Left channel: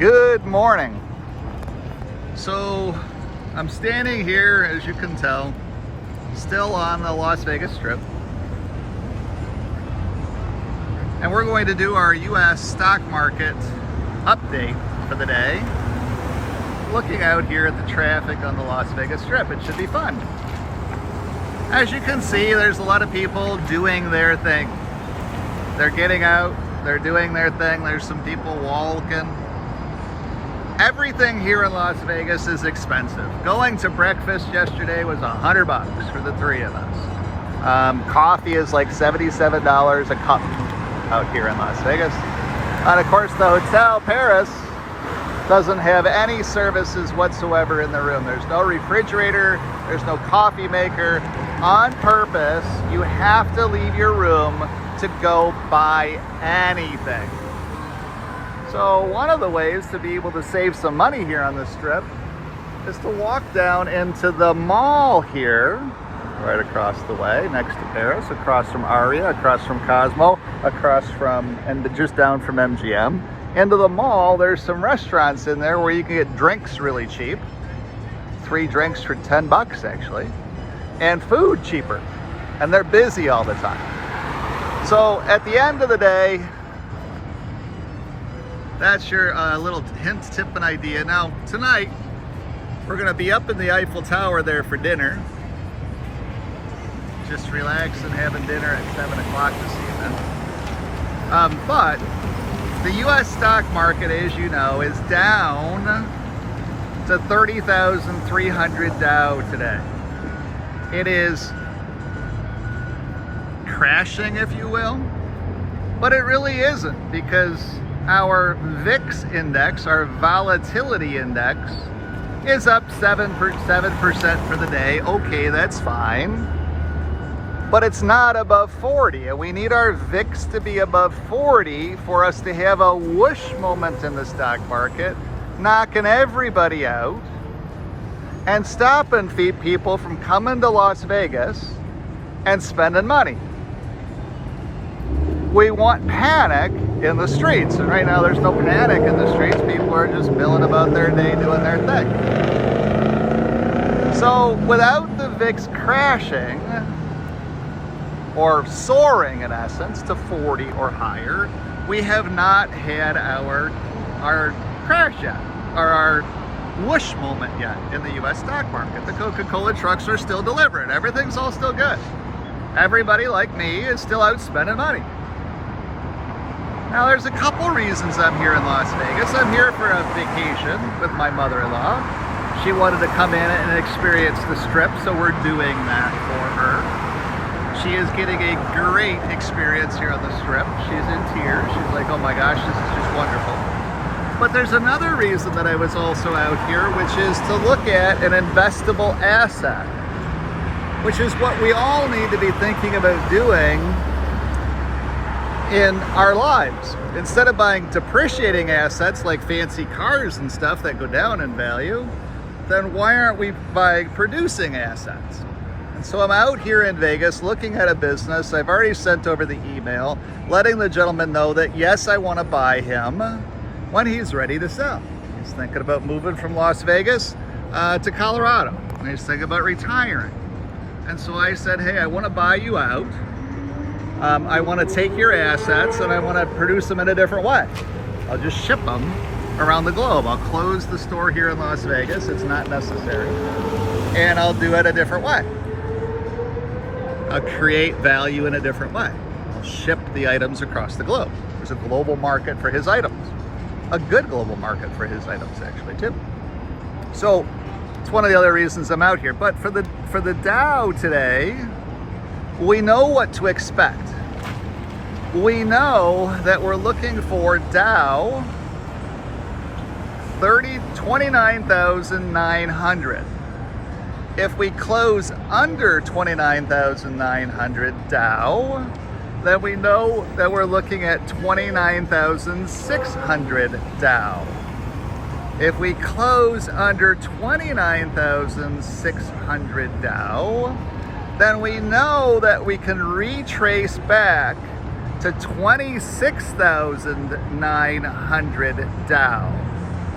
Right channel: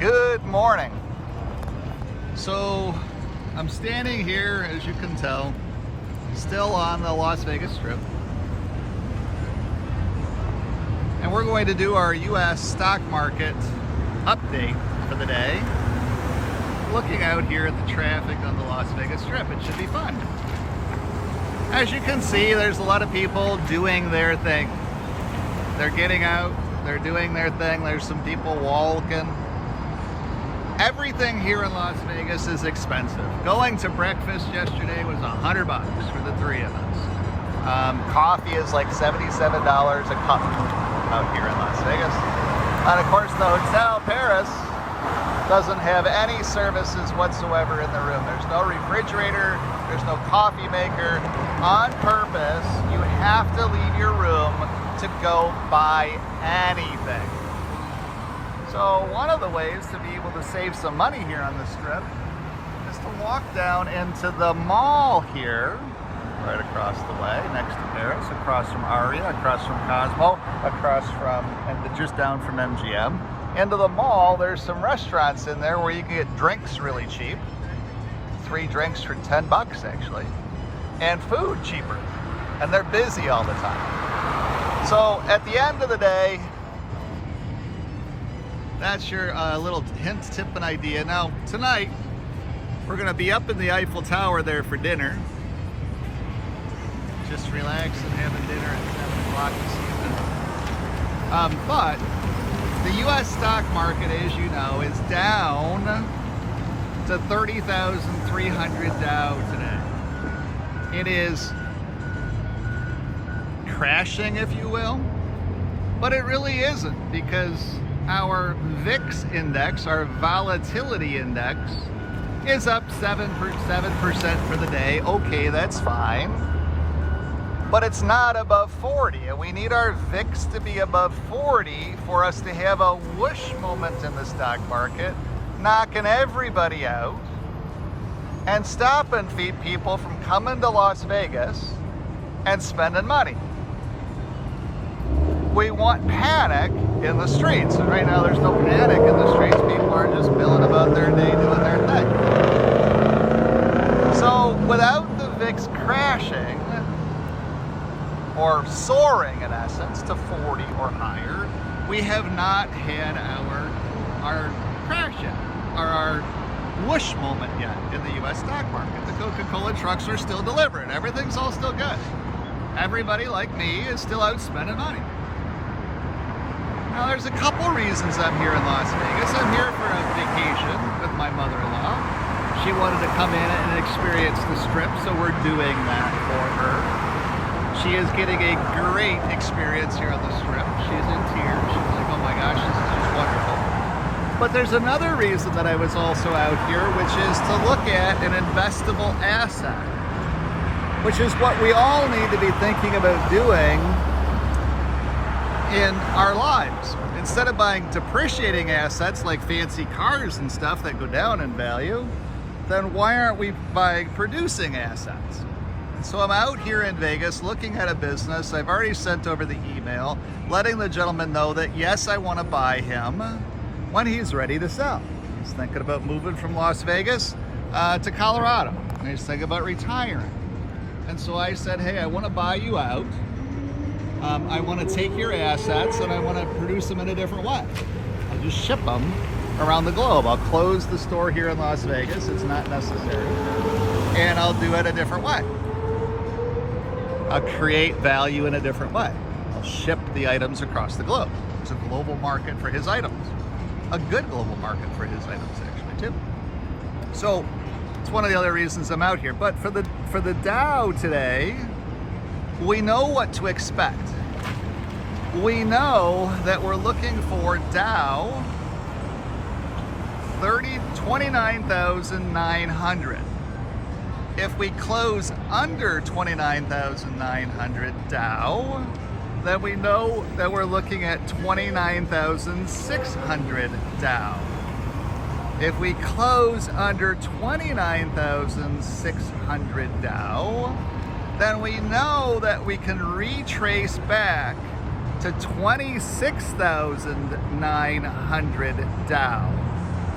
Good morning. So I'm standing here, as you can tell, still on the Las Vegas Strip. And we're going to do our US stock market update for the day. Looking out here at the traffic on the Las Vegas Strip. It should be fun. As you can see, there's a lot of people doing their thing. They're getting out, they're doing their thing. There's some people walking. Everything here in Las Vegas is expensive. Going to breakfast yesterday was $100 for the three of us. Coffee is like $77 a cup out here in Las Vegas. And of course the Hotel Paris doesn't have any services whatsoever in the room. There's no refrigerator, there's no coffee maker. On purpose, you have to leave your room to go buy anything. So one of the ways to be able to save some money here on the Strip is to walk down into the mall here, right across the way, next to Paris, across from Aria, across from Cosmo, across from, and just down from MGM. Into the mall, there's some restaurants in there where you can get drinks really cheap. 3 drinks for $10 actually. And food cheaper. And they're busy all the time. So at the end of the day, that's your little hint, tip, and idea. Now, tonight, we're gonna be up in the Eiffel Tower there for dinner. Just relaxing, having dinner at 7 o'clock this evening. But the US stock market, as you know, is down to 30,300 Dow today. It is crashing, if you will, but it really isn't, because our VIX index, our volatility index, is up 7% for the day. Okay, that's fine. But it's not above 40. And we need our VIX to be above 40 for us to have a whoosh moment in the stock market, knocking everybody out and stopping people from coming to Las Vegas and spending money. We want panic in the streets. And right now there's no panic in the streets. People are just milling about their day, doing their thing. So without the VIX crashing, or soaring in essence to 40 or higher, we have not had our crash yet, or our whoosh moment yet in the US stock market. The Coca-Cola trucks are still delivering. Everything's all still good. Everybody like me is still out spending money. Now there's a couple reasons I'm here in Las Vegas. I'm here for a vacation with my mother-in-law. She wanted to come in and experience the Strip, so we're doing that for her. She is getting a great experience here on the Strip. She's in tears. She's like, oh my gosh, this is just wonderful. But there's another reason that I was also out here, which is to look at an investable asset, which is what we all need to be thinking about doing in our lives. Instead of buying depreciating assets like fancy cars and stuff that go down in value, then why aren't we buying producing assets? And so I'm out here in Vegas looking at a business. I've already sent over the email letting the gentleman know that yes, I want to buy him when he's ready to sell. He's thinking about moving from Las Vegas to Colorado. And he's thinking about retiring. And so I said, hey, I want to buy you out. I want to take your assets and I want to produce them in a different way. I'll just ship them around the globe. I'll close the store here in Las Vegas. It's not necessary. And I'll do it a different way. I'll create value in a different way. I'll ship the items across the globe. There's a global market for his items. A good global market for his items, actually, too. So it's one of the other reasons I'm out here. But for the Dow today, we know what to expect. We know that we're looking for Dow 29,900. If we close under 29,900 Dow, then we know that we're looking at 29,600 Dow. If we close under 29,600 Dow, then we know that we can retrace back to 26,900 Dow.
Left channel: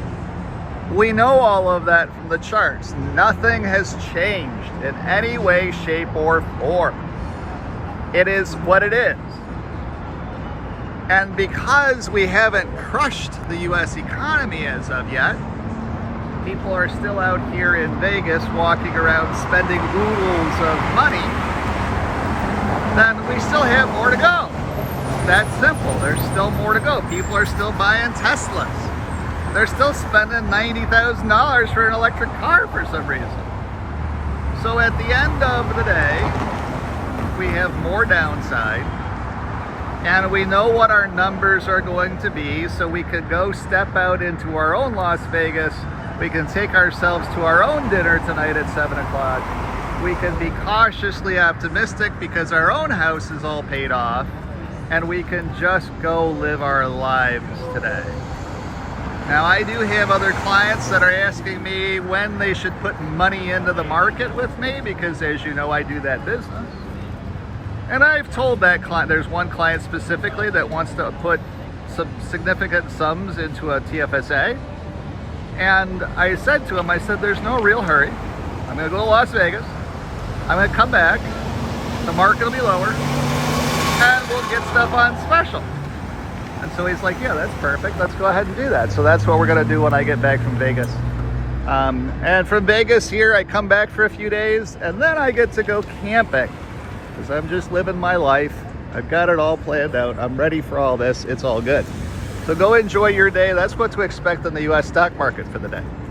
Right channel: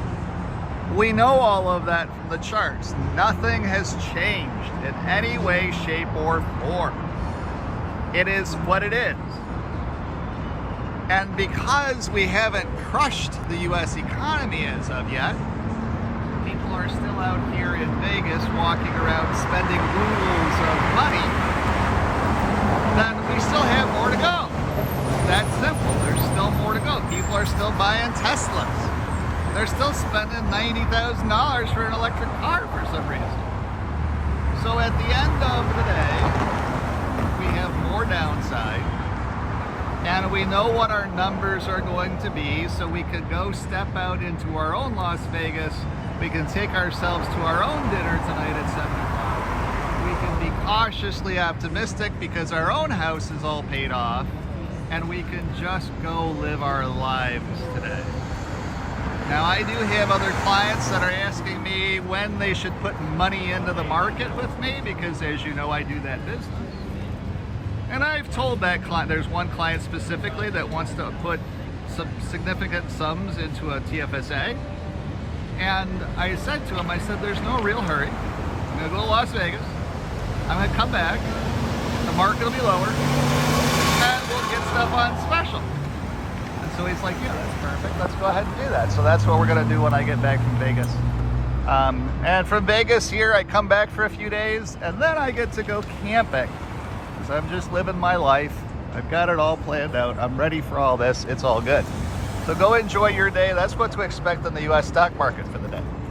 We know all of that from the charts. Nothing has changed in any way, shape, or form. It is what it is. And because we haven't crushed the US economy as of yet, people are still out here in Vegas walking around spending oodles of money, then we still have more to go. That's simple. There's still more to go. People are still buying Teslas. They're still spending $90,000 for an electric car for some reason. So at the end of the day, we have more downside, and we know what our numbers are going to be, so we could go step out into our own Las Vegas. We can take ourselves to our own dinner tonight at 7 o'clock. We can be cautiously optimistic because our own house is all paid off, and we can just go live our lives today. Now, I do have other clients that are asking me when they should put money into the market with me, because as you know, I do that business. And I've told that client, there's one client specifically that wants to put some significant sums into a TFSA. And I said to him, I said, there's no real hurry. I'm gonna go to Las Vegas. I'm gonna come back. The market will be lower. And we'll get stuff on special. And so he's like, yeah, that's perfect. Let's go ahead and do that. So that's what we're gonna do when I get back from Vegas. And from Vegas here, I come back for a few days, and then I get to go camping. Because I'm just living my life. I've got it all planned out. I'm ready for all this. It's all good. So go enjoy your day. That's what to expect in the US stock market for the day.